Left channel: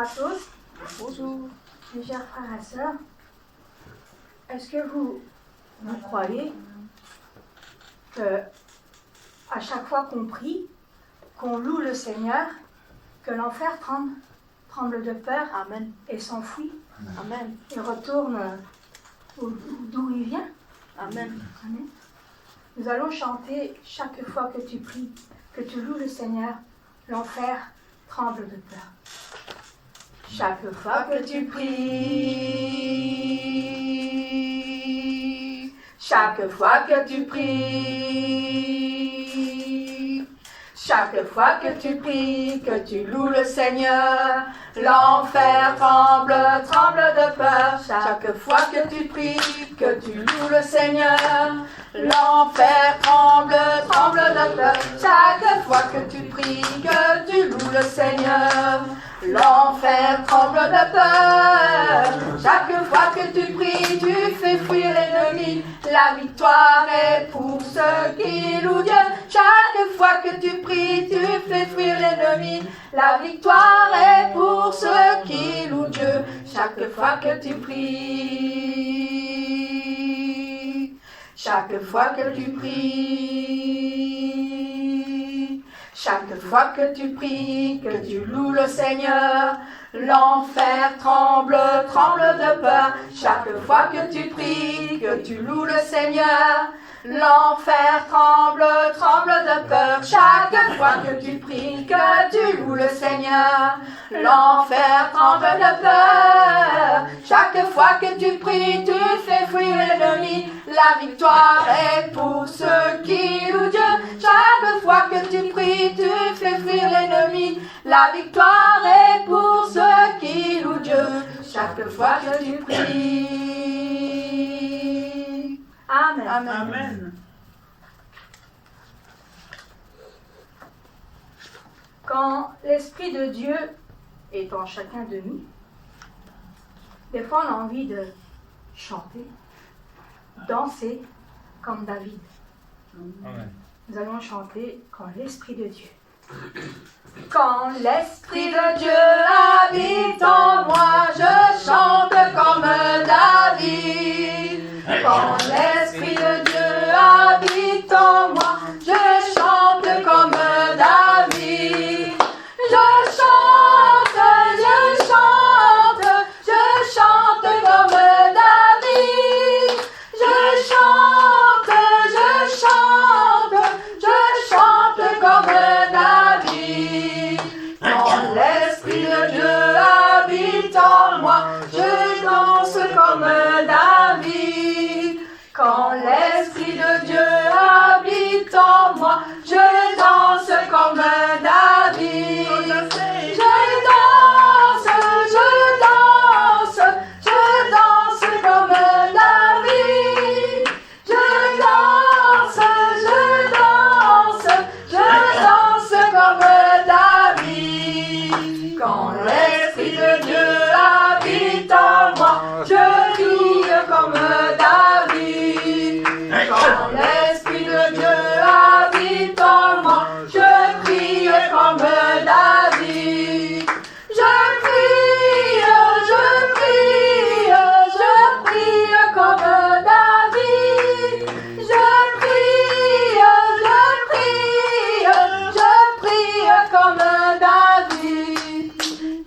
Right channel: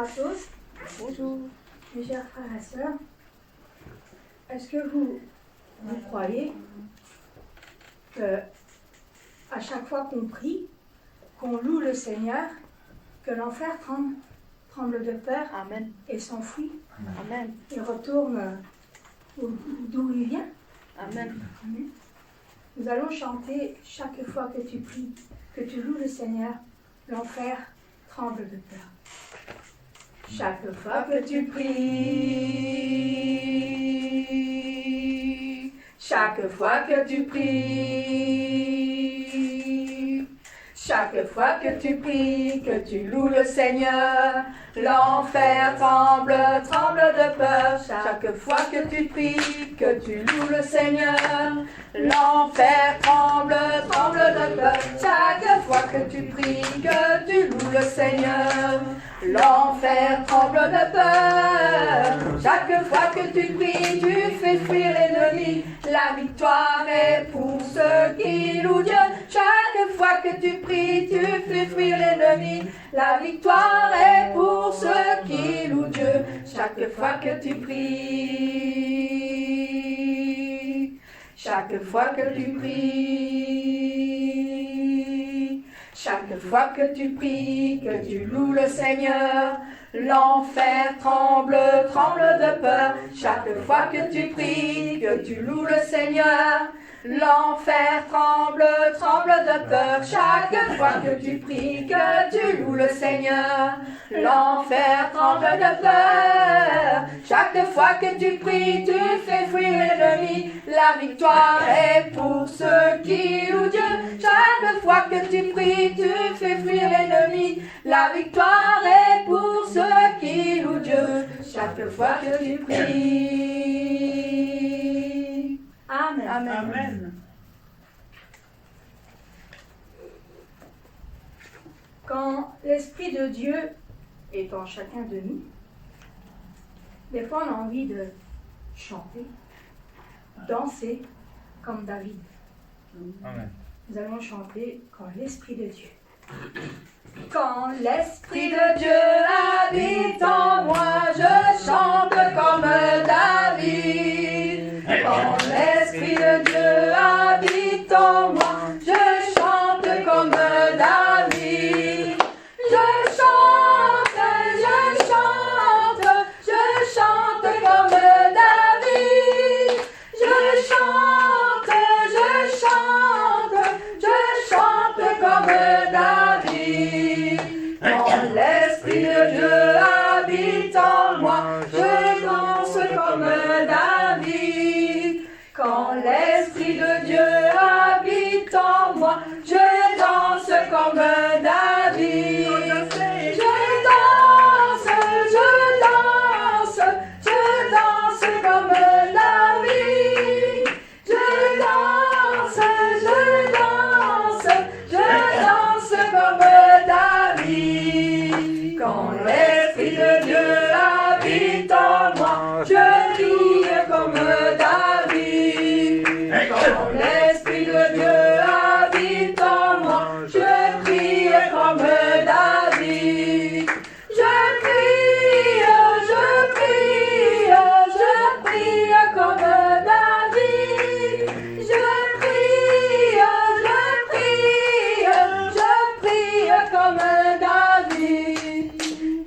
à tous. Bonjour. Mes chers frères et sœurs, est-ce que vous croyez que à chaque fois qu'on prie, qu'on loue le Seigneur, que l'enfer tremble de peur Amen. et s'enfuit, Amen. et retourne d'où il vient? Amen. Amen. Nous allons chanter chaque fois que tu pries, que tu loues le Seigneur, l'enfer tremble de peur. Chaque fois que tu pries, chaque fois que tu pries, chaque fois que tu pries, que tu loues le Seigneur, l'enfer tremble de peur. Chaque fois que tu pries, que tu loues le Seigneur, l'enfer tremble de peur. Chaque fois que tu pries, que tu loues le Seigneur, l'enfer tremble de peur. Chaque fois que tu pries, tu fais fuir l'ennemi. La victoire est pour ceux qui louent Dieu. Chaque fois que tu pries, tu fais fuir l'ennemi. La victoire est pour ceux qui louent Dieu. Chaque fois que tu pries, chaque fois que tu pries, chaque fois que tu pries, que tu loues le Seigneur, l'enfer tremble de peur. Chaque fois que tu pries, que tu loues le Seigneur, l'enfer tremble de peur. Chaque fois que tu pries, que tu loues le Seigneur, l'enfer tremble de peur. Chaque fois que tu pries, tu fais fuir l'ennemi. La victoire est pour ceux qui louent Dieu. Chaque fois que tu pries, tu fais fuir l'ennemi. La victoire est pour ceux qui louent Dieu. Chaque fois que tu pries. Amen. Amen. Amen. Quand l'Esprit de Dieu est en chacun de nous, des fois on a envie de chanter, danser comme David. Amen. Nous allons chanter quand l'Esprit de Dieu. Quand l'Esprit de Dieu habite en moi, je chante comme David. Quand l'Esprit de Dieu habite en moi, je chante comme David. Je chante comme David. Je chante comme David. Quand l'Esprit de Dieu habite en moi, je danse comme David. Quand l'Esprit de Dieu habite en moi, je danse comme David. Je danse comme David. Je danse comme David. Quand l'Esprit de Dieu habite en moi, je crie comme David. Quand l'Esprit de Dieu habite en moi, je crie comme David. Je prie comme David. Je prie comme David.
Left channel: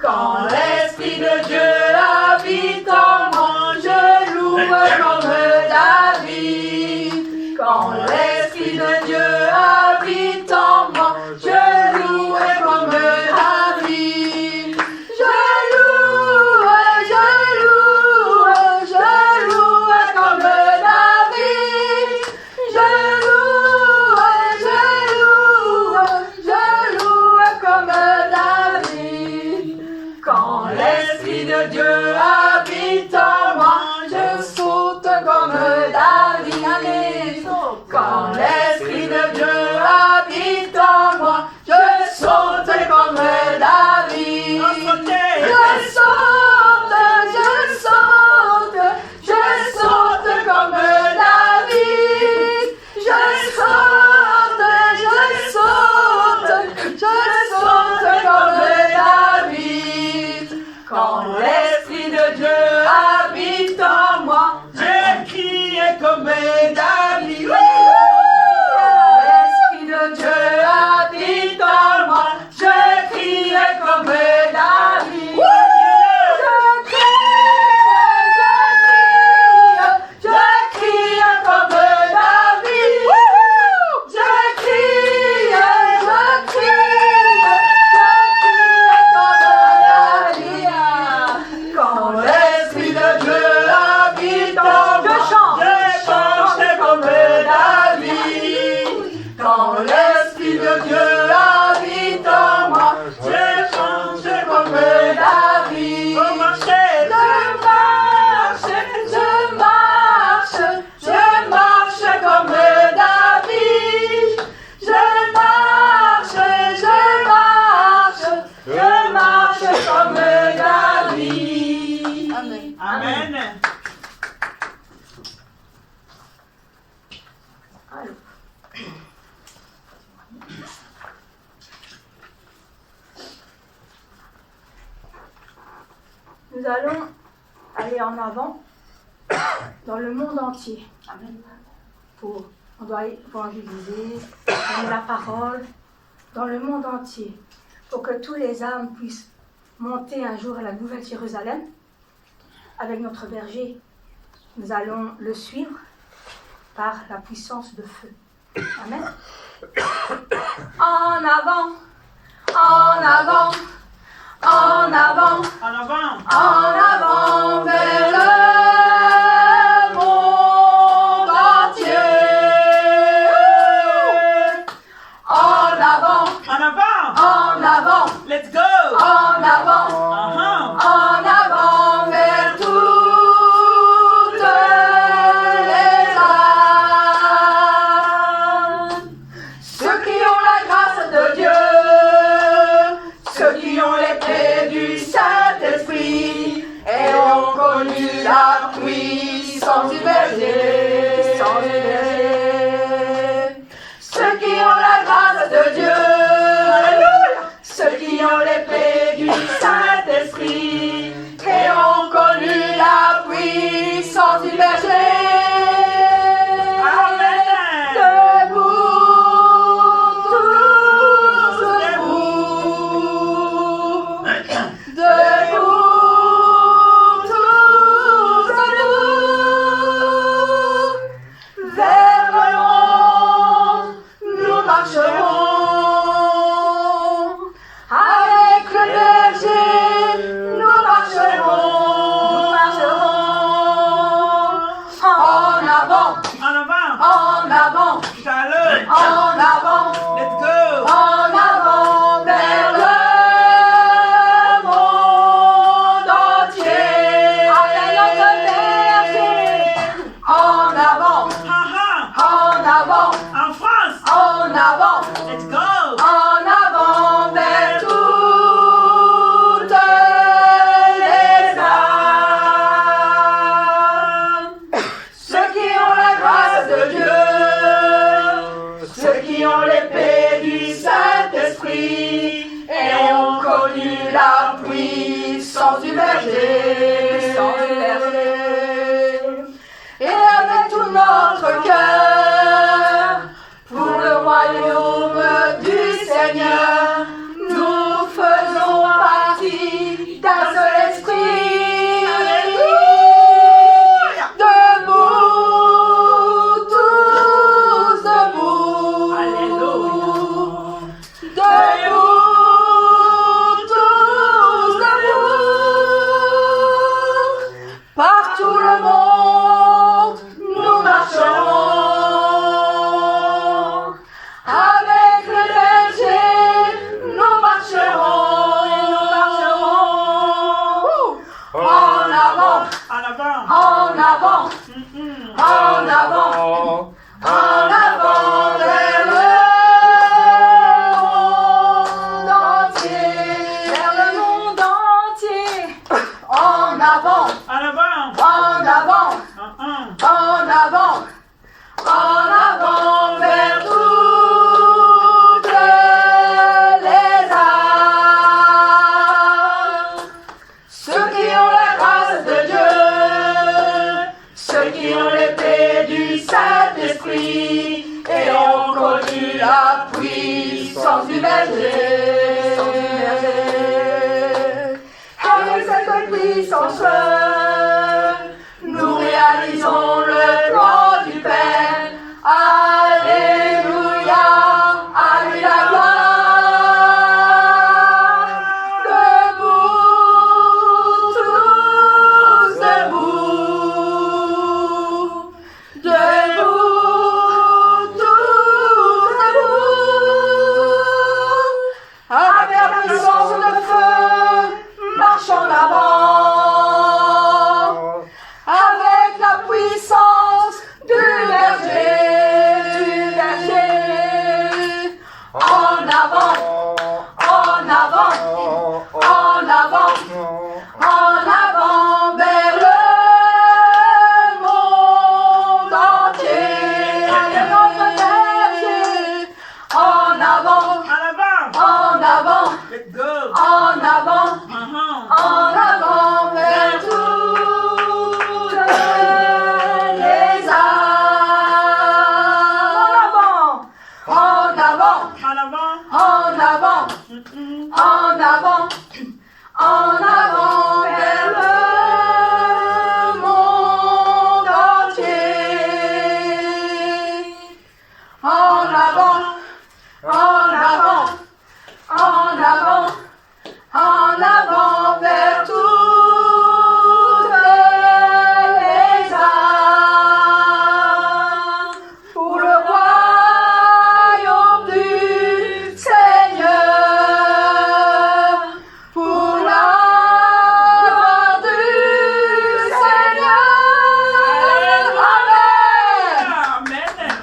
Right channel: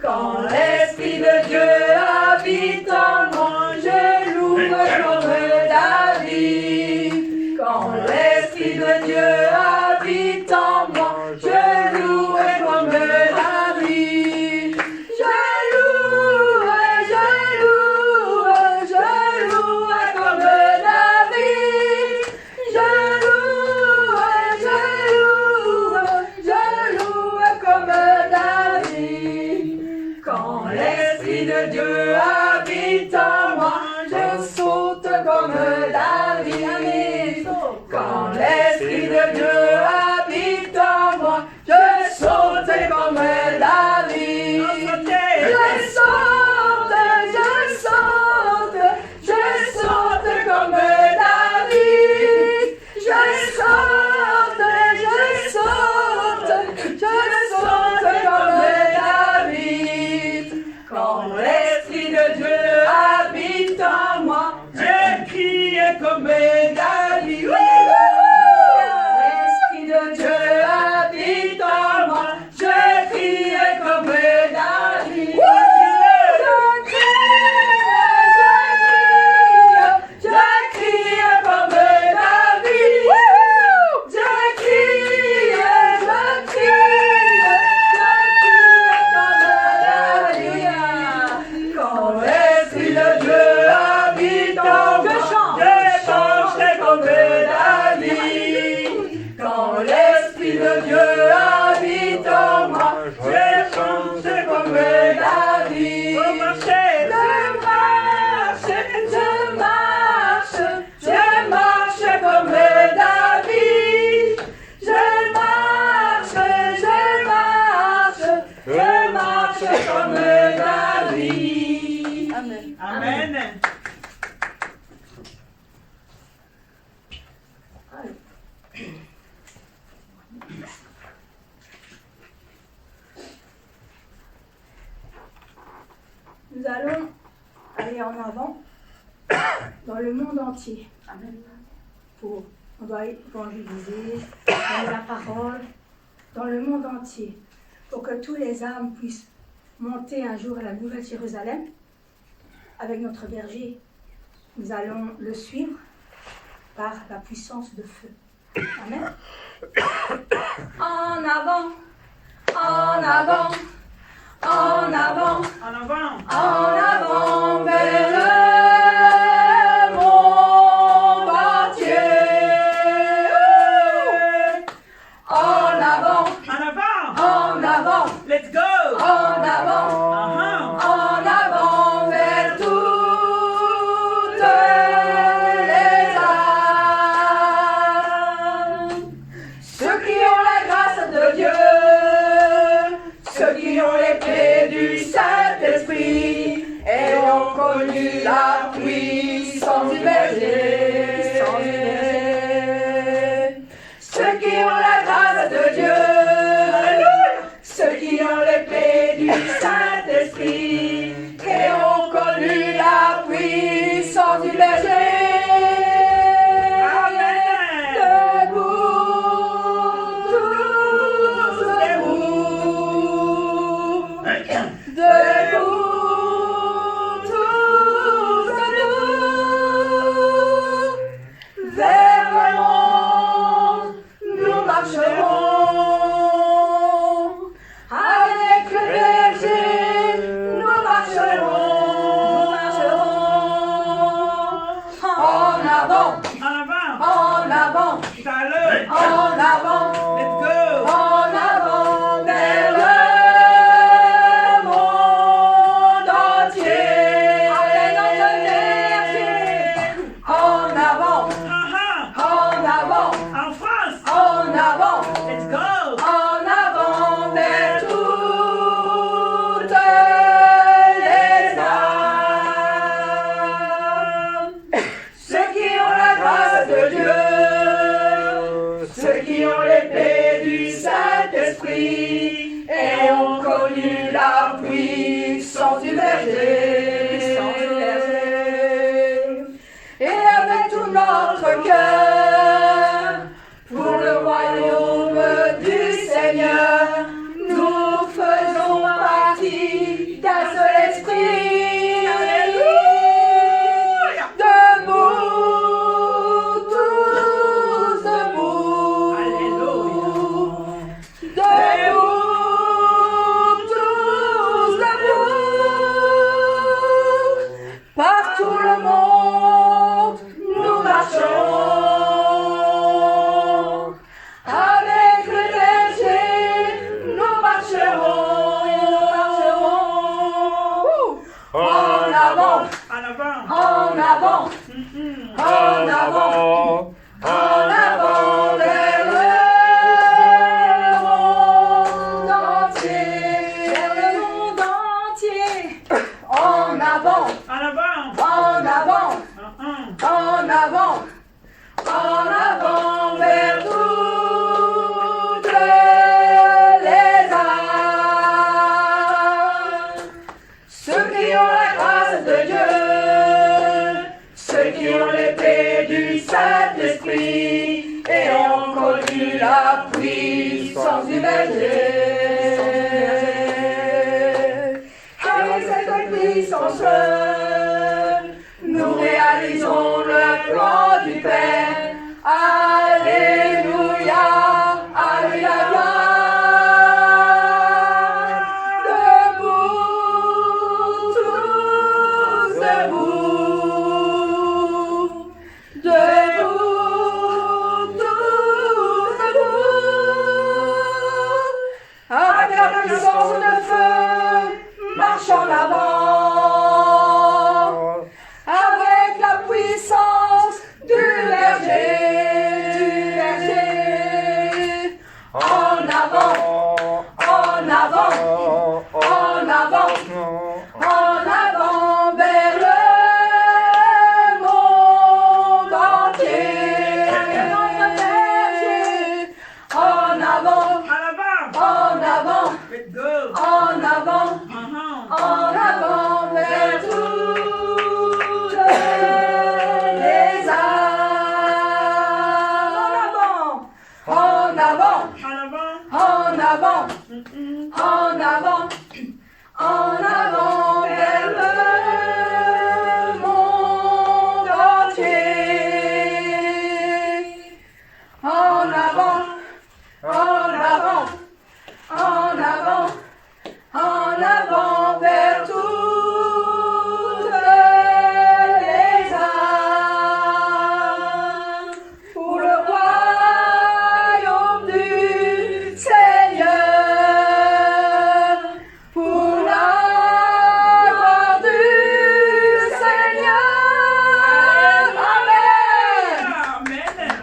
Quand l'Esprit de Dieu habite en moi, je loue comme David. Quand l'Esprit de Dieu habite en moi, je loue comme David. Je loue comme David. Je loue comme David. Quand l'Esprit de Dieu habite en moi, je saute comme David. Quand l'Esprit de Dieu habite en moi, je saute comme David. Je saute comme David. Je saute comme David. Quand l'Esprit de Dieu habite en moi, J'ai crié comme David. l'Esprit de Dieu habite en moi, je criais comme David. Je crie comme David. Je crie comme David. Quand l'Esprit de Dieu habite en moi, je chantais comme David. Quand l'Esprit de Dieu habite en moi, je chantais comme David. Je marche comme David. Je marche comme David. Amen. Amen. Nous allons aller en avant dans le monde entier. Amen. On doit évangéliser, donner la parole dans le monde entier pour que tous les âmes puissent monter un jour à la Nouvelle Jérusalem avec notre berger. Nous allons le suivre par la puissance de feu. Amen. En avant, en avant, en avant, En avant. en avant vers le monde entier. En avant, En avant. en avant, Let's go. en avant, en avant vers toutes les âmes. Ceux qui ont la grâce de Dieu, ceux qui ont l'épée du Saint-Esprit et ont connu la puissance du berger. Ceux qui ont la grâce de Dieu, ceux qui ont l'épée du Saint-Esprit et ont connu la puissance du berger. Amen. Debout, tous debout. Debout, tous debout. Vers le monde, nous marcherons. Avec le berger, nous marcherons. En avant, En avant. en avant, Tout à l'heure. en avant. Let's go. En avant vers le monde entier. Avec notre berger. En avant, en avant, En France. en avant, Let's go. en avant vers toutes les âmes. Ceux qui ont la grâce de Dieu, ceux qui ont l'épée du Saint-Esprit et ont connu la puissance du berger. Et avec tout notre cœur, pour le royaume du Seigneur, nous faisons partie d'un seul esprit. Debout, tous debout. Alléluia. Debout, tous debout. Partout le monde, nous marcherons. Avec le berger, nous marcherons. En avant, En avant. en avant, en avant, en avant vers le monde entier. Vers le monde entier. En avant, En avant. en avant, en avant, en avant vers toutes les âmes. grâce de Dieu, ceux qui ont l'épée du Saint-Esprit et ont connu la puissance du berger. Avec cette puissance, nous réalisons le plan du Père. Alléluia, à lui la gloire. Debout, tous debout. Debout, tous debout. Avec la puissance de feu, marche en avant. Avec la puissance du berger. En avant, en avant, en avant, en avant vers le monde entier. En avant, en avant, Let's go. en avant, Uh-huh. en avant vers toutes les âmes. En avant, En avant. en avant, Mm-mm. en avant, en avant vers le monde entier. En avant, en avant, en avant, en avant vers toutes les âmes. Pour le royaume du Seigneur, pour la gloire du Seigneur. Amen. Amen.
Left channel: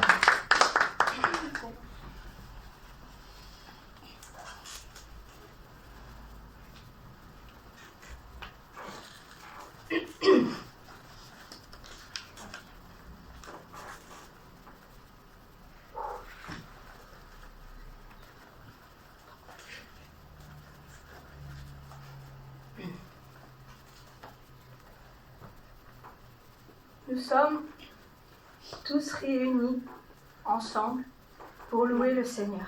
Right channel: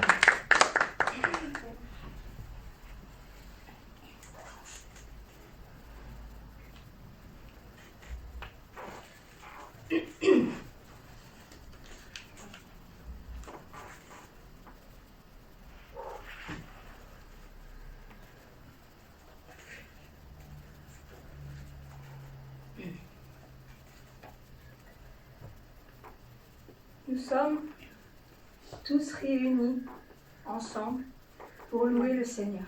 Nous sommes tous réunis ensemble pour louer le Seigneur.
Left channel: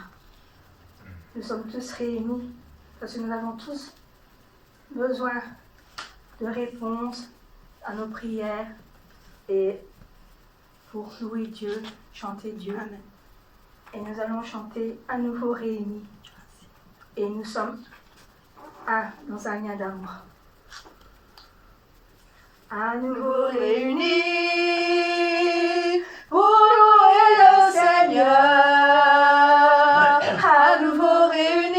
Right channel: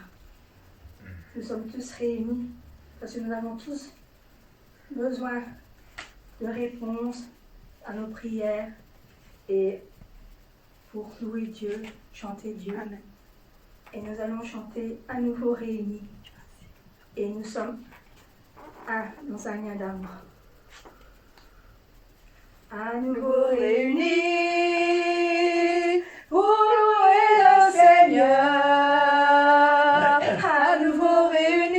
Nous sommes tous réunis parce que nous avons tous besoin de réponses à nos prières et pour louer Dieu, chanter Dieu. Amen. Et nous allons chanter à nouveau réunis. Et nous sommes un dans un lien d'amour. À nouveau réunis pour louer le Seigneur. À nouveau réunis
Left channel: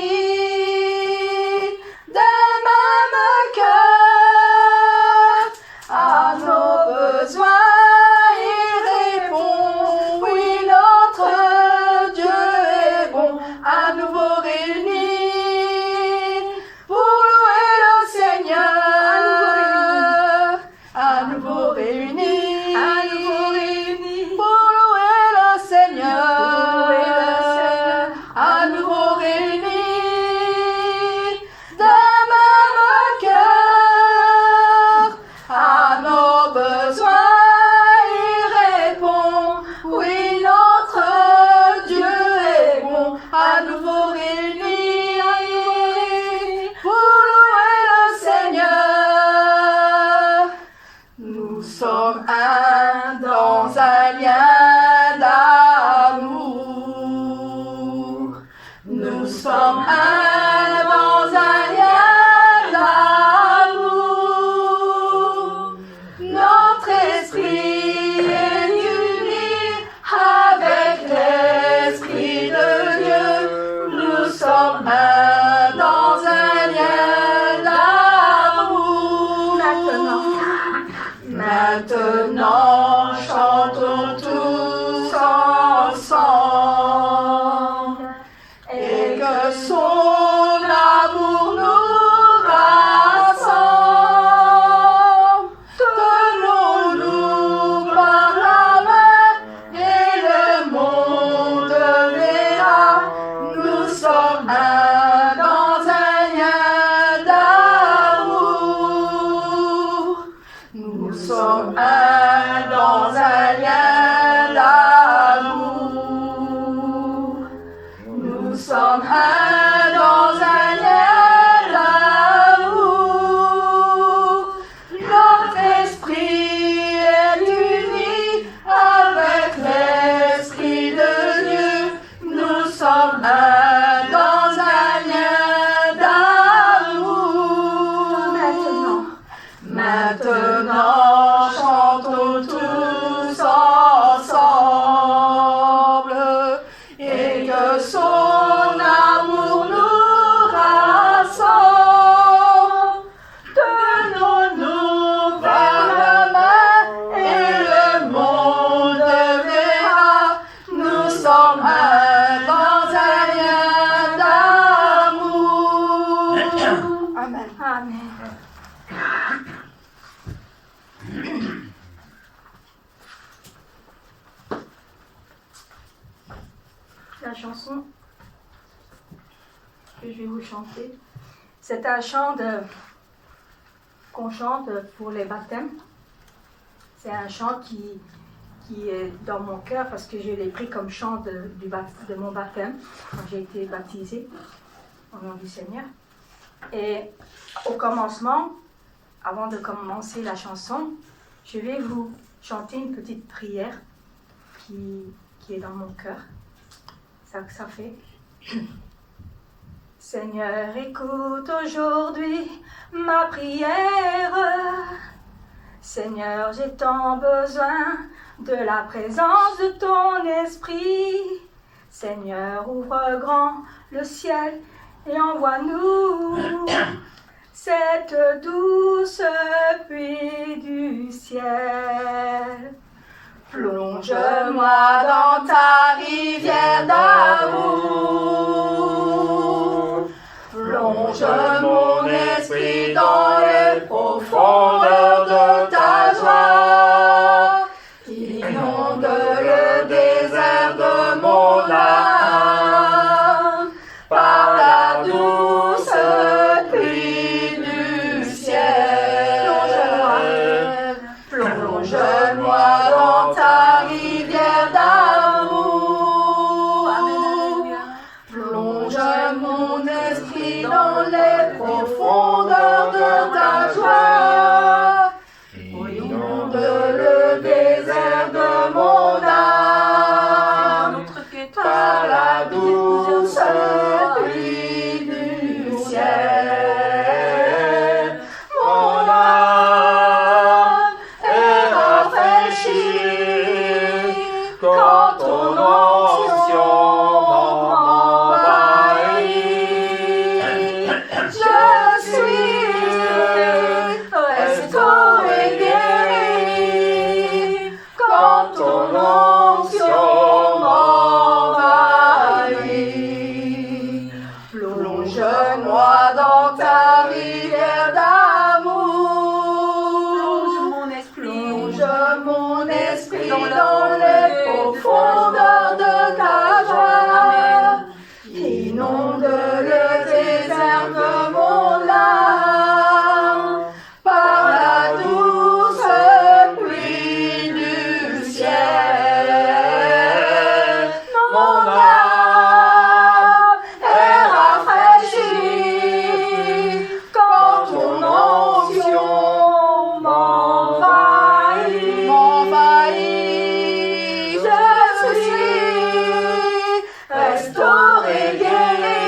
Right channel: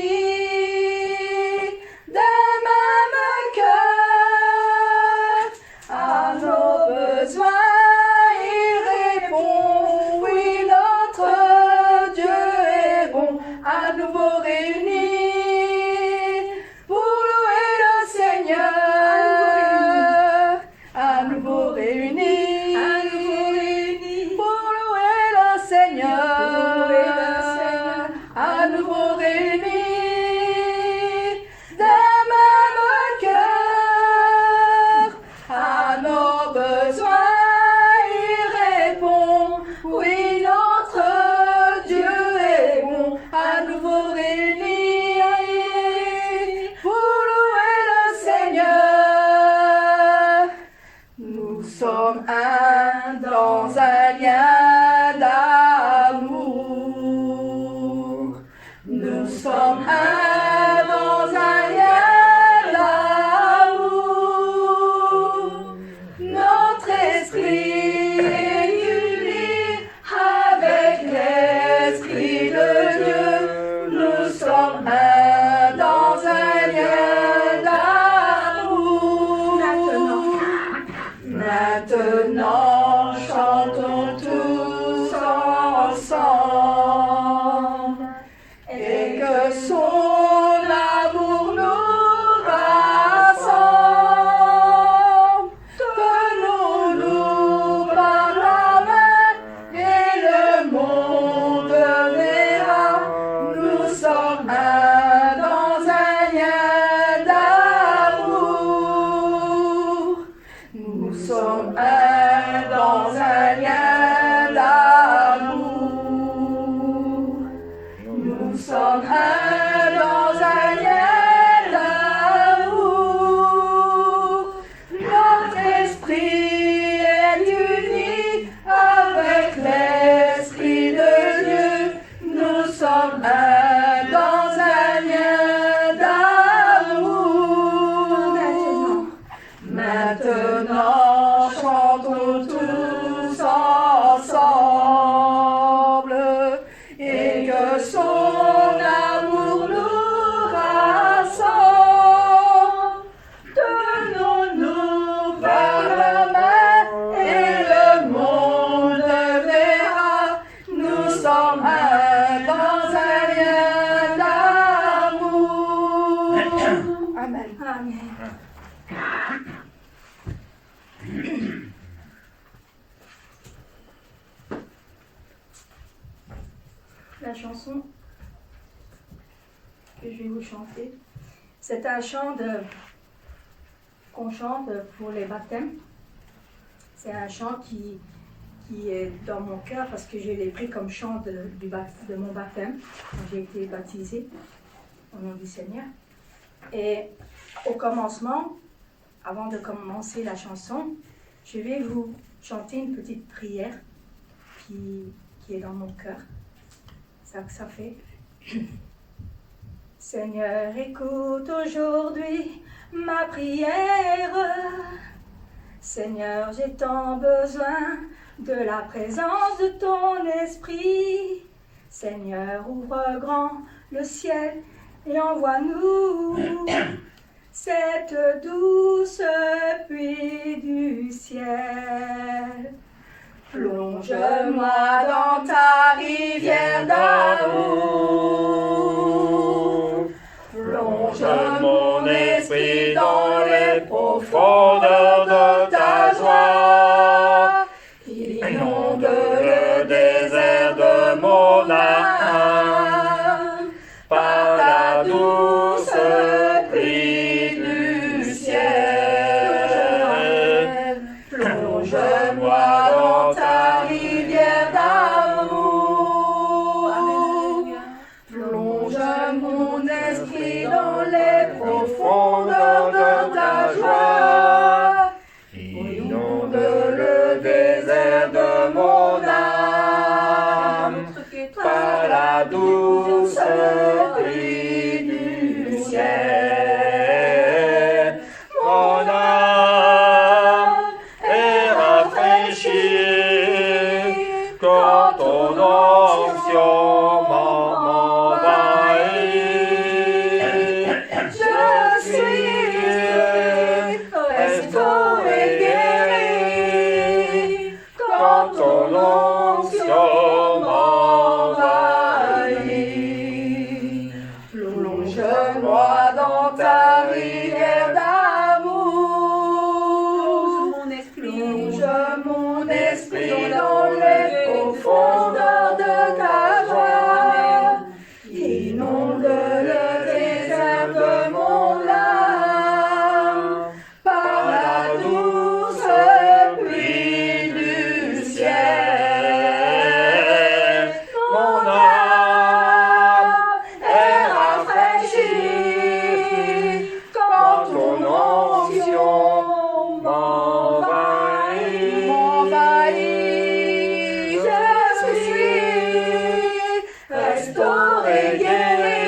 d'un même cœur. À nos besoins il répond. Oui, notre Dieu est bon. À nouveau réunis pour louer le Seigneur. À nouveau réunis La chanson que je vais vous chanter, c'est un chant qu'on chante pour les baptêmes. C'est un chant qui est dans mon cœur parce que je l'ai pris comme chant de mon baptême quand j'ai été baptisée au nom du Seigneur. Et au commencement, avant de commencer la chanson, je vais vous chanter une petite prière qui est dans mon cœur. Ça fait. Seigneur, écoute aujourd'hui ma prière. Seigneur, j'ai tant besoin de la présence de ton esprit. Seigneur, ouvre grand le ciel et envoie-nous cette douce pluie du ciel. Plonge-moi dans ta rivière d'amour. Plonge mon esprit dans les profondeurs de ta joie. Inonde le désert de mon âme par la douce pluie du ciel. Plonge-moi dans ta rivière d'amour. Plonge mon esprit dans les profondeurs de ta joie. Inonde le désert de mon âme par la douce pluie du ciel. Mon âme est rafraîchie quand ton onction m'envahit. Je suis restauré, guéri quand ton onction m'envahit. Plonge-moi dans ta rivière d'amour. Plonge mon esprit dans les profondeurs de ta joie. Inonde le désert de mon âme par la douce pluie du ciel. Mon âme est rafraîchie quand ton onction m'envahit. Je suis restauré, guéri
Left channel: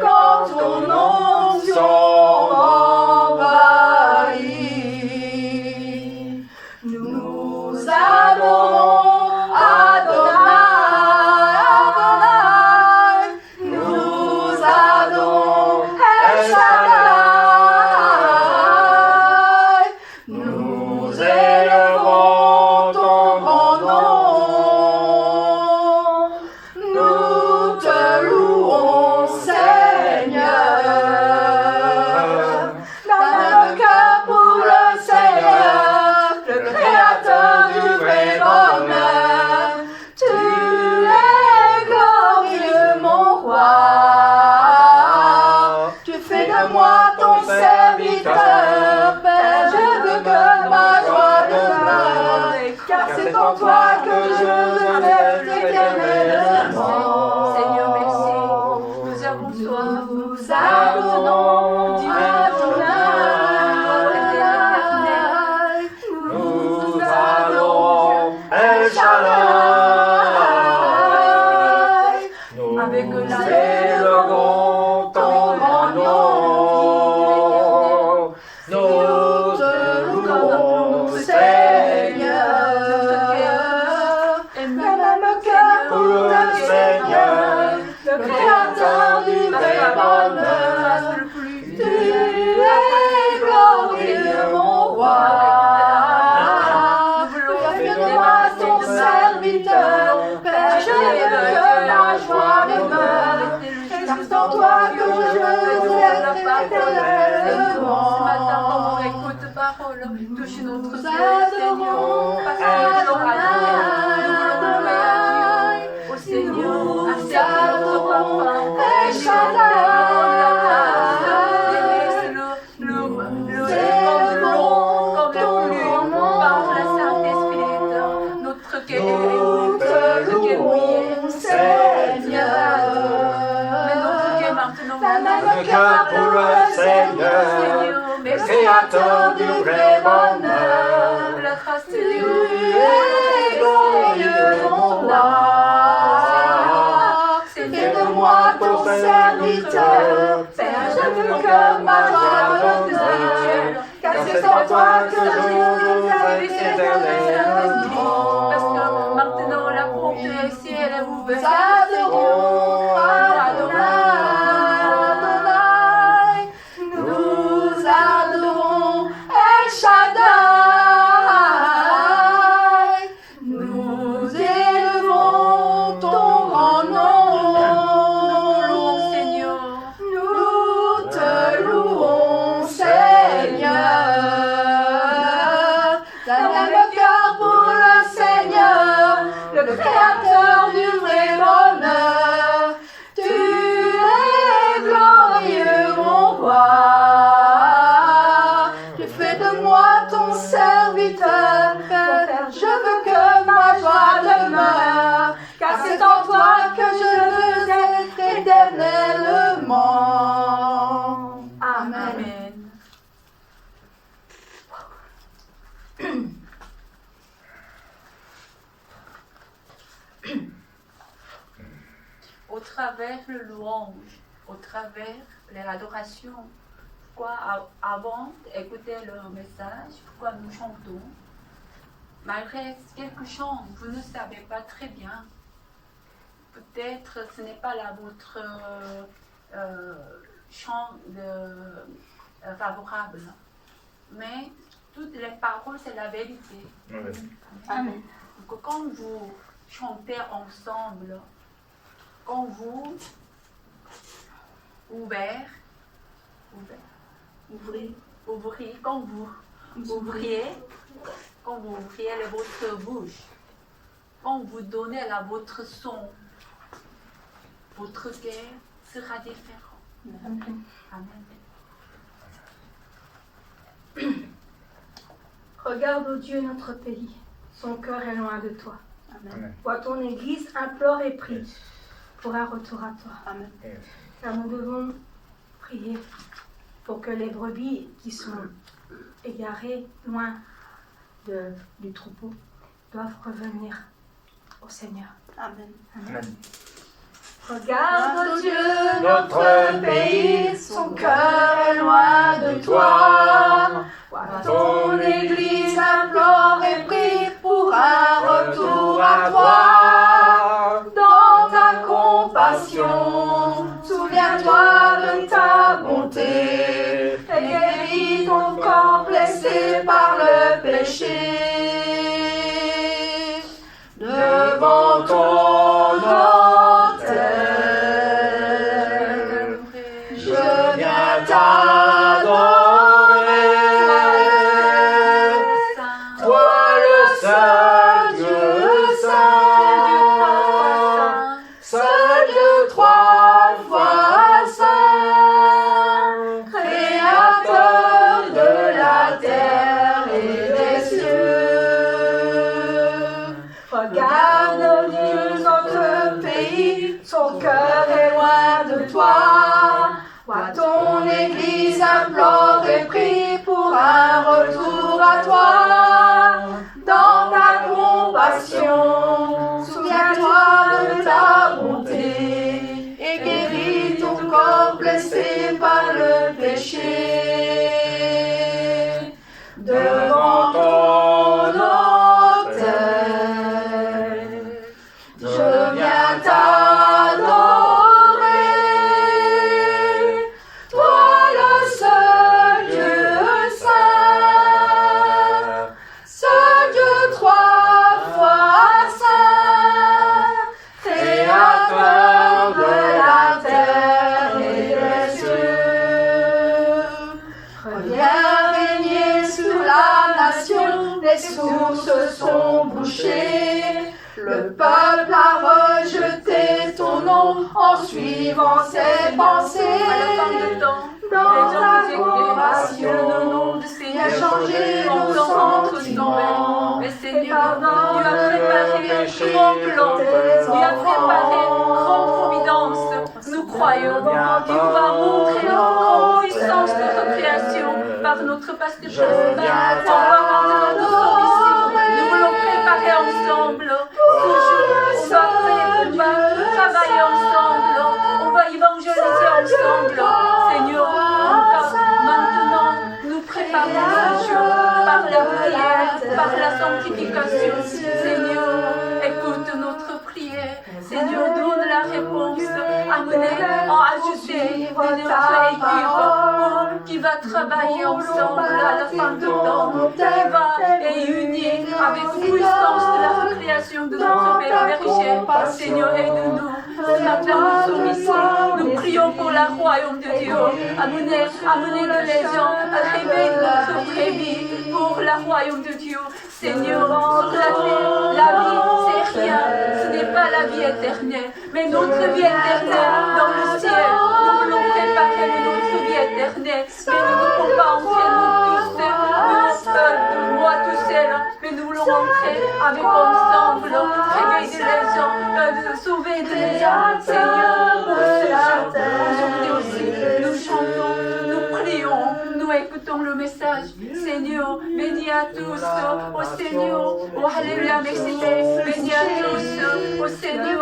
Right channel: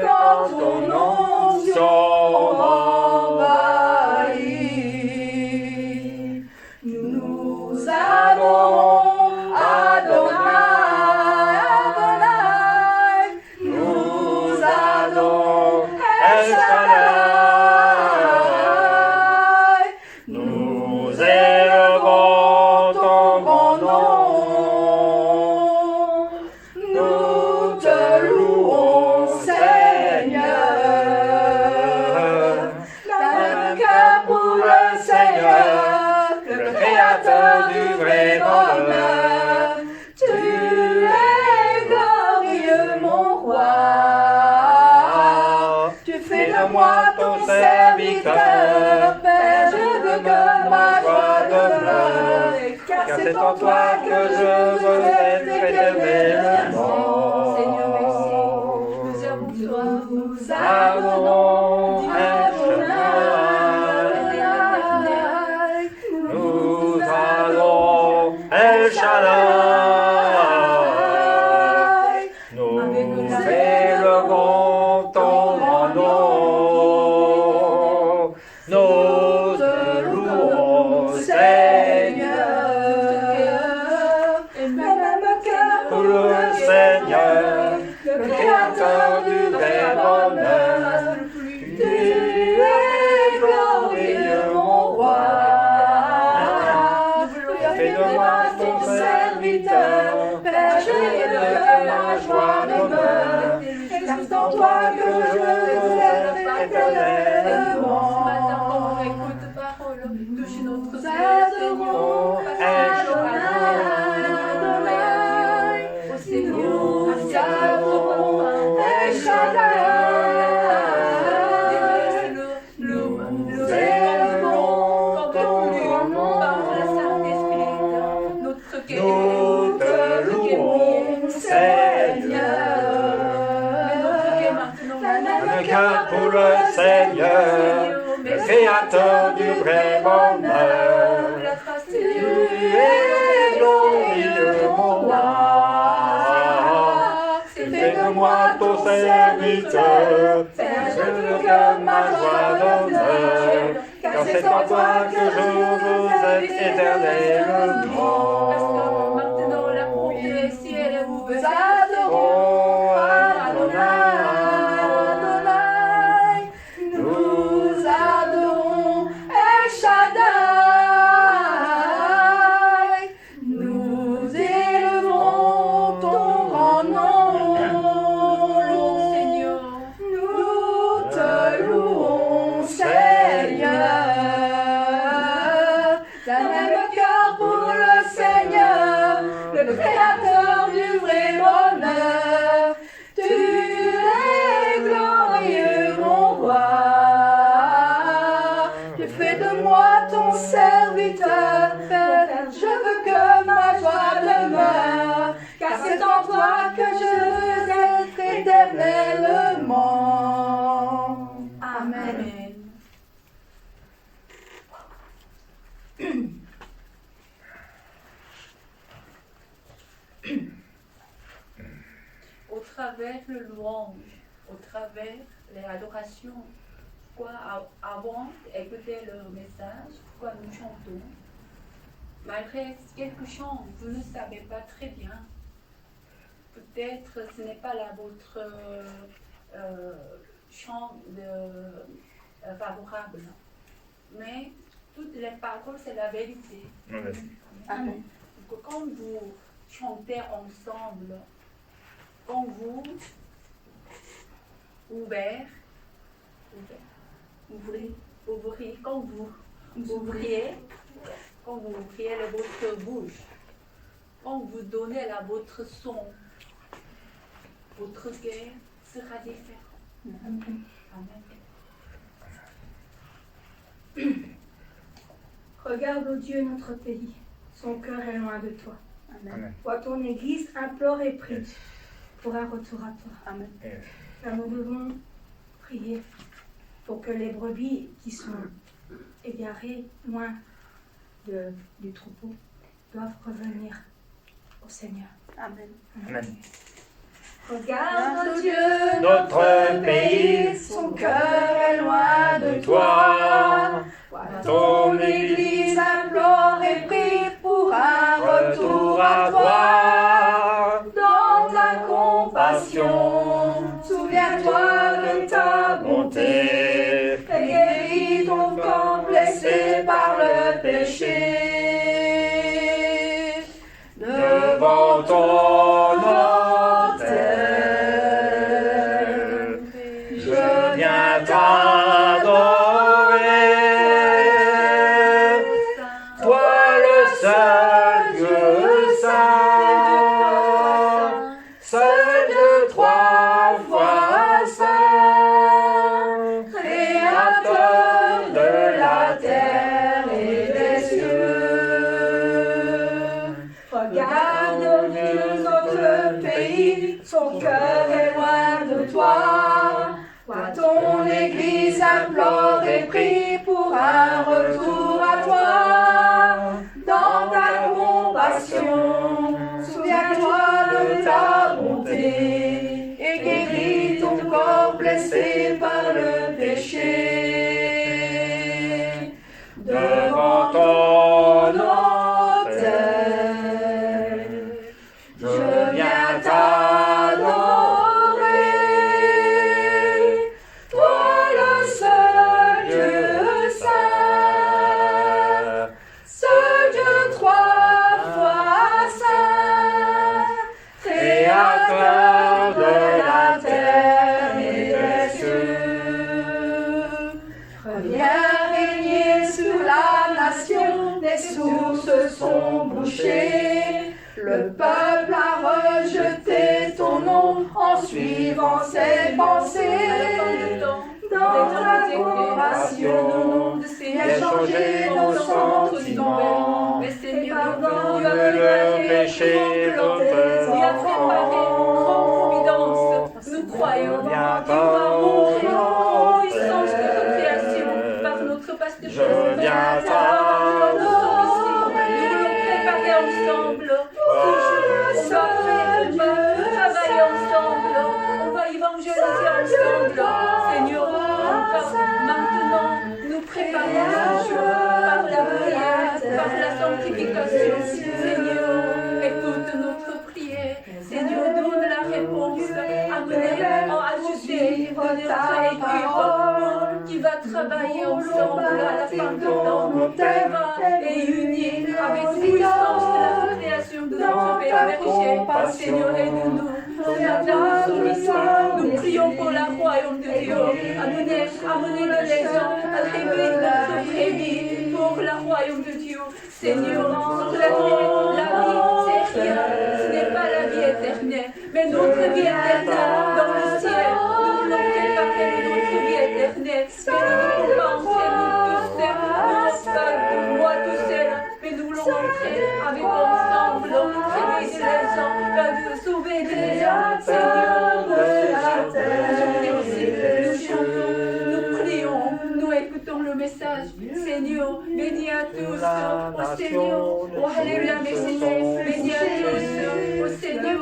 quand ton onction m'envahit. Nous adorons Adonai, Adonai. Nous adorons El Shaddai. Nous élevons ton grand nom. Nous te louons, Seigneur. D'un même cœur pour le Seigneur, le Créateur du vrai bonheur. Tu es glorieux, mon roi. Tu fais de moi ton serviteur, Père. Je veux que ma joie demeure, car c'est en toi que je veux être éternellement. Seigneur, merci. Nous avons soif. Nous adorons Adonai. Nous adorons El Shaddai. avec Nous la élevons ton grand nom. Nous te louons, Seigneur. Le même cœur pour le Seigneur, le Créateur du vrai bonheur. Tu touche notre Nous cœur, adorons Seigneur, parce que tu l'auras donné. Au Seigneur, accepte notre papa. El Shaddai. Le élevons comme le plume par le Saint-Esprit. Notre cœur est mouillé, Seigneur. mais notre cœur maintenant, Le cœur pour le Seigneur, le Créateur du vrai bonheur. la grâce de Tu Dieu. es glorieux, mon roi. Fais de moi ton serviteur. Père, je veux que ma joie demeure. Car c'est en toi que je veux être éternellement. Parce que maintenant la porte du ciel est Nous ouverte. adorons Adonai, Adonai. Nous adorons El Shaddai. Nous élevons ton grand nom. Seigneur, Nous te louons, Seigneur. D'un même cœur pour le Seigneur, le Créateur du vrai bonheur. Tu es glorieux, mon roi. Tu fais de moi ton serviteur. Père, je veux que ma joie demeure, car c'est en toi que je veux être éternellement. Amen. Amen. Au travers le louange, au travers l'adoration, avant d'écouter le message, pourquoi nous chantons, malgré quelques chants, vous ne savez pas très bien. Peut-être ce n'est pas là votre chant favorable, mais toutes les paroles, c'est la vérité. Amen. Donc, quand vous chantez ensemble, quand vous ouvrez, quand vous ouvriez votre bouche, quand vous donnez votre son, votre cœur sera différent. Amen. Amen. Regarde, ô Dieu, notre pays. Son cœur est loin de toi. Amen. Vois ton Église implore et prie pour un retour à toi. Amen. Car nous devons prier pour que les brebis qui sont égarées loin du troupeau doivent revenir au Seigneur. Amen. Amen. Regarde, ô Dieu, notre pays, son cœur est loin de toi. Vois ton Église implore et prie pour un retour à toi. Dans ta compassion, souviens-toi de ta bonté et guéris ton corps blessé par le péché. Devant ton autel, je viens t'adorer. Toi le seul Dieu saint, seul Dieu trois fois saint, créateur de la terre et des cieux. Regarde, Dieu, notre pays, son cœur est loin de toi. Vois ton Église implore et prie pour un retour à toi. Dans ta compassion, souviens-toi de ta bonté et guéris ton corps blessé par le péché. Devant ton autel, je viens t'adorer. Toi le seul Dieu saint, seul Dieu trois fois saint, créateur de la terre et des cieux. Reviens régner sur la touché. Le peuple a rejeté ton nom en suivant ses pensées. Dans ta compassion, il a changé nos sentiments. Mais Seigneur, tu as préparé un grand plan, tu as préparé une grande providence. Nous croyons, tu vas montrer la grande puissance de notre création par notre pasteur principal, par notre ici. Nous voulons préparer ensemble. On va travailler ensemble, on va évangéliser ensemble. Seigneur, maintenant, nous préparons ce jour par la prière, par la sanctification. Seigneur, écoute notre prière. Seigneur, donne la réponse. Amenez, ajouter notre équipe qui va travailler ensemble à la fin du temps, qui va réunir avec puissance de la création de notre Père berger. Seigneur, aide-nous. Ce matin, nous sommes ici. Nous prions pour le royaume de Dieu. Amenez les gens à rêver notre prévis pour le royaume de Dieu. Seigneur, sur la terre, la vie, c'est rien. Ce n'est pas la vie éternelle, mais notre vie éternelle dans le ciel. Nous voulons préparer notre vie éternelle, mais nous ne pouvons pas entrer nous tous seuls, moi tout seul, mais nous voulons entrer avec ensemble, réveiller les gens, sauver les gens. Seigneur, pour ce jour, aujourd'hui aussi, nous chantons, nous prions, nous écoutons le message. Seigneur, bénis à tous, au Seigneur, oh Alléluia, merci, bénis à tous, au Seigneur,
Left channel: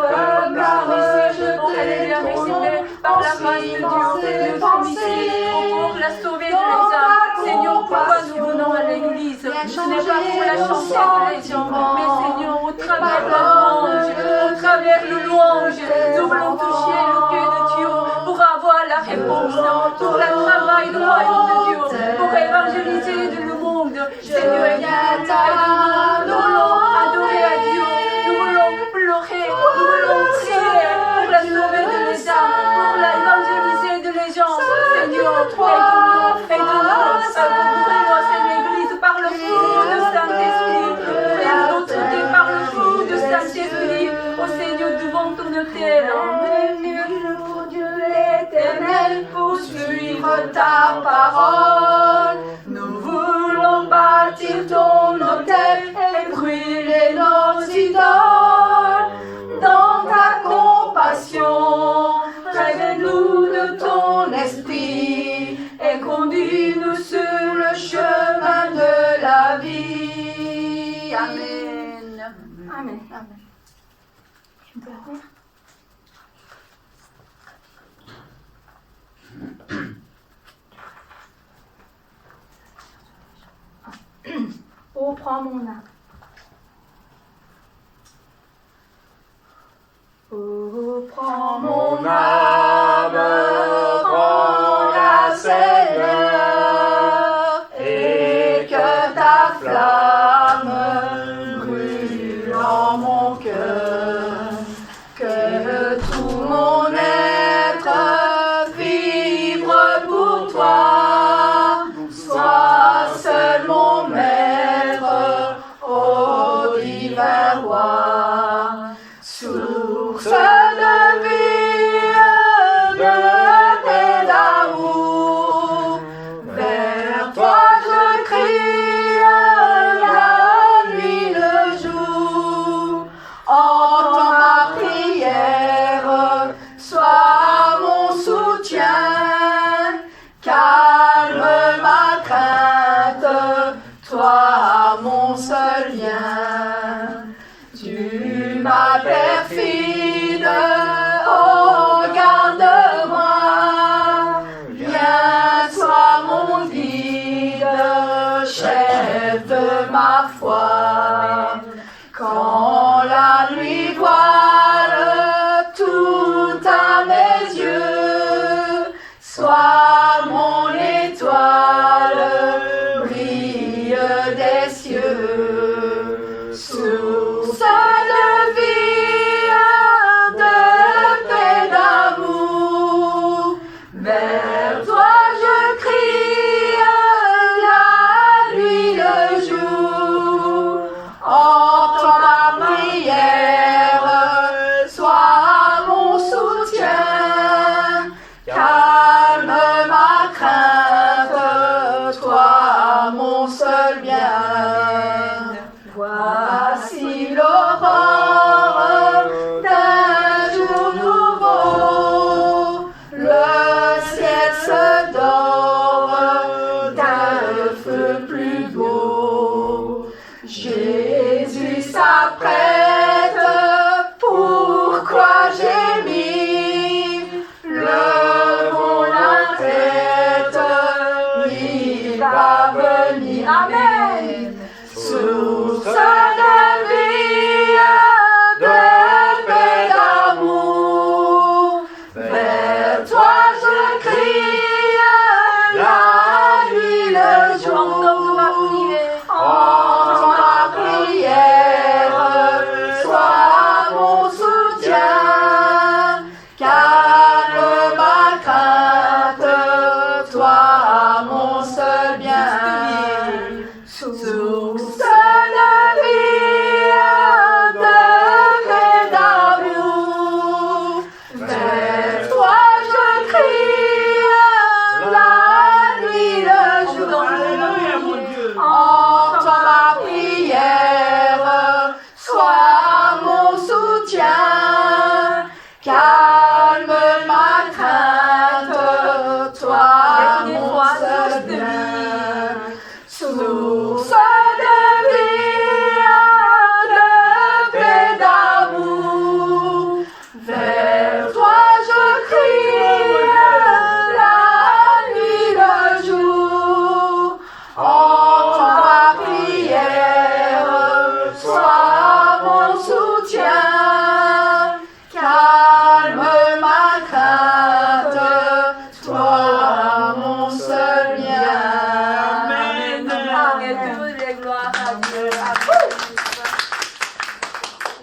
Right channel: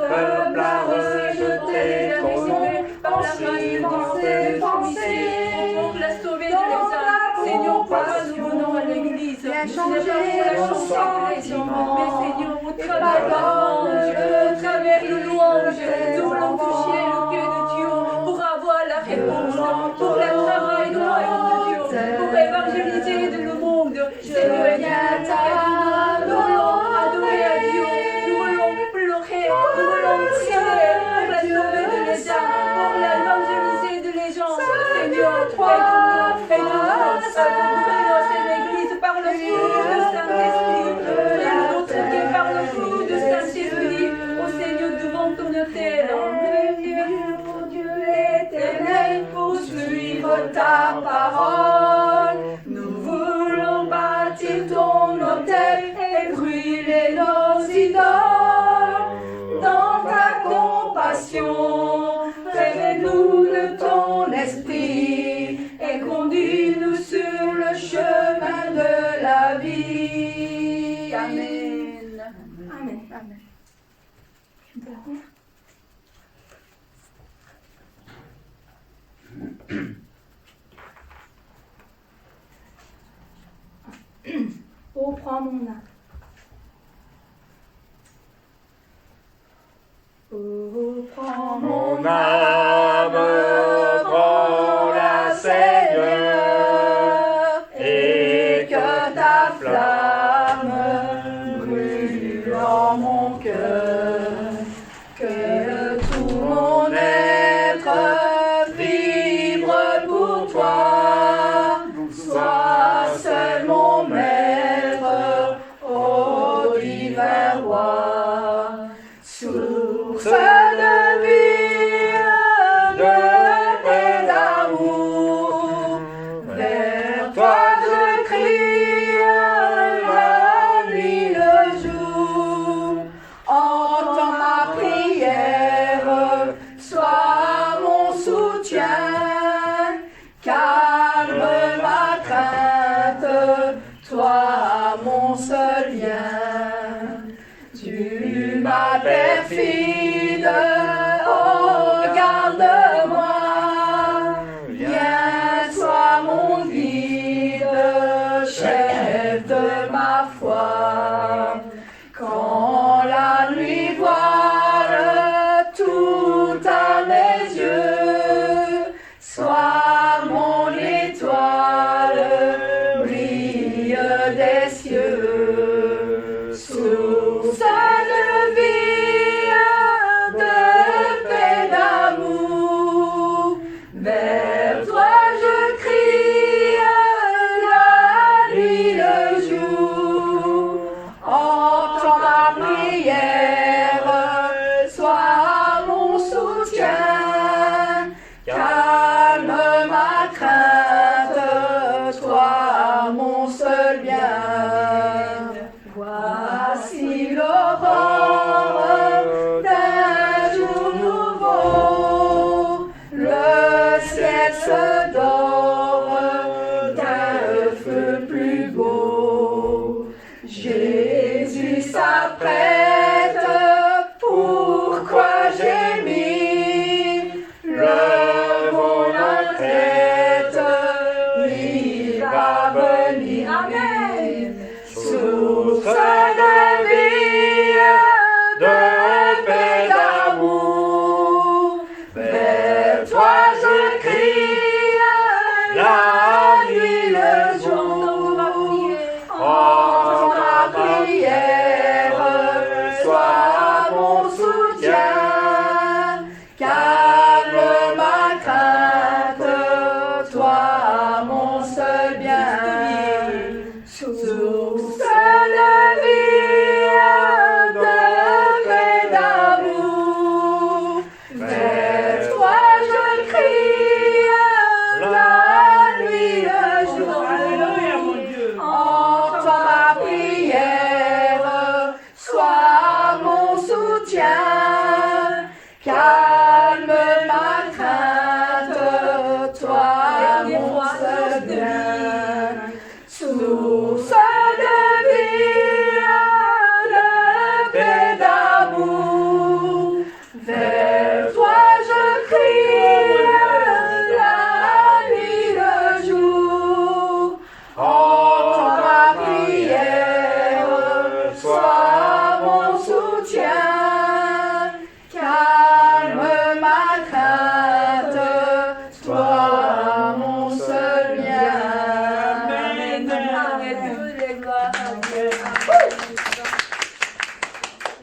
oh Alléluia, merci, par la grâce de Dieu, nous sommes ici pour la sauver de les âmes. Seigneur, pourquoi nous venons à l'église? Ce n'est pas pour la chanter de les gens, mais Seigneur, au travers de la louange, au travers de louange, nous voulons toucher le cœur de Dieu pour avoir la réponse, pour le travail du royaume de Dieu, pour évangéliser le monde. Seigneur, aide-nous, nous voulons adorer à Dieu, nous voulons pleurer, nous voulons prier pour la sauver de les âmes, pour l'évangéliser de les gens. Seigneur, aide-nous ouvrir cette église par le feu de Saint-Esprit, ouvrir notre cœur par le feu de Saint-Esprit, au Seigneur devant ton autel. Pour Dieu l'éternel, pour suivre ta parole. Nous voulons bâtir ton autel et brûler nos idoles. Dans ta compassion, révèle-nous de ton esprit et conduis-nous sur le chemin de la vie. Amen. Amen. Amen. Tu peux revenir? Oh, prends mon âme. Oh, prends mon Mon âme, prends-la, Seigneur, et que ta flamme brûle en mon cœur, que tout mon être vibre pour toi, sois seul mon maître, ô divin roi, source de vie, et d'amour. Vers toi je crie la nuit, le jour. Entends ma prière, sois mon soutien. Calme ma crainte, toi mon seul lien. Tu m'as perfide, oh garde-moi, viens sois mon guide, chef de ma foi. Quand la nuit voile tout à mes yeux, sois mon étoile, brille des cieux. prête, pourquoi gémir? Levons la tête, il va venir. Amen. Source de vie, de paix, d'amour, vers toi je crie, la nuit, le jour. Entends ma prière, sois mon soutien, calme ma crainte, toi mon seul bien. Source de vie, de paix, d'amour, vers toi je crie, la nuit, le jour. Alléluia, mon Dieu. Entends ma prière, sois mon soutien, calme ma crainte, toi mon seul bien. Source de vie, de paix, d'amour, vers toi je crie, la nuit, le jour. Entends ma prière, sois mon soutien, calme ma crainte.